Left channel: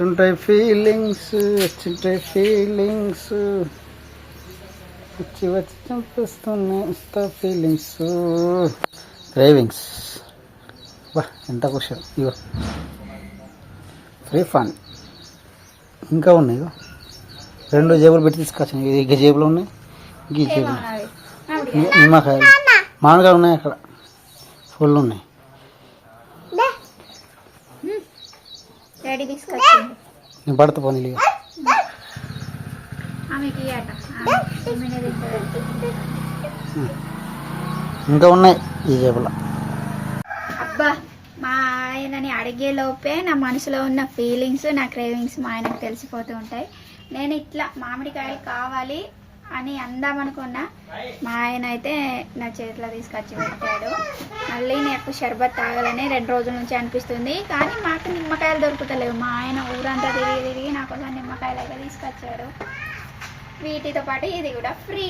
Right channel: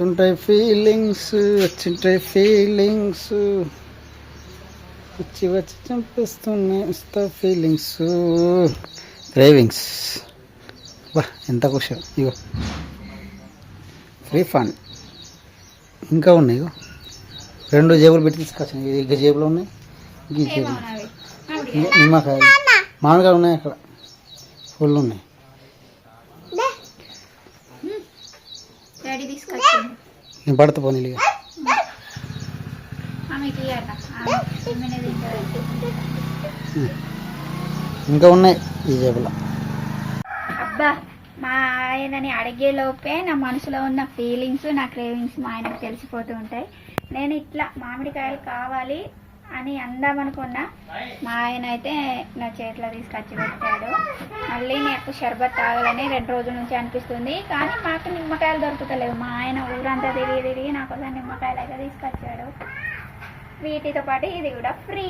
వచ్చుంటాయి feelings వచ్చి వచ్చి చంపిస్తున్నాయి ఇస్తా ఫీలింగ్స్ క్రేవింగ్స్. ఎంత ఖుషి. ఇగో ఫ్రీ ఫన్ ఇంకా ఉన్నాయి. ఇగో 2 జేబులు పెట్టి తీసుకొచ్చాను. ఇది జేబులో ఉన్నాయి, ఈ జేబులు నిమ్మకాయలు మామిడికాయలు ఉన్నాయి, అక్కడ ఫుల్ ఉన్నాయి. నేను పడతా పోనీ. ఇక ఇంకా ఉన్నాయి ఈ జేబులో. అబ్బా, మా ఆయనని అడిగే లోపే నా మనసులో ఉన్న ఫీలింగ్స్, నా క్రేవింగ్స్ మా ఆయనకు తెలిసిపోతూ ఉంటాయి. నేను ఇట్లా మామిడికాయలు కావాలి అని అందామనుకున్నా, మా ఆయన అయితే నా చేతిలో తీసుకొచ్చి పెట్టాడు. మళ్ళీ నాకు షర్బత్ తాగాలని 2 రోజుల నుంచి అనిపిస్తుంది, కానీ మాకు నిమ్మకాయలు దొరుకుతలేవు. మా ఆయన ఊరంతా తిరిగి నా కోసం నిమ్మకాయలు అయితే తీసుకొచ్చాడు. వీటితో పాటు ఇది కూడా ఫ్రీ.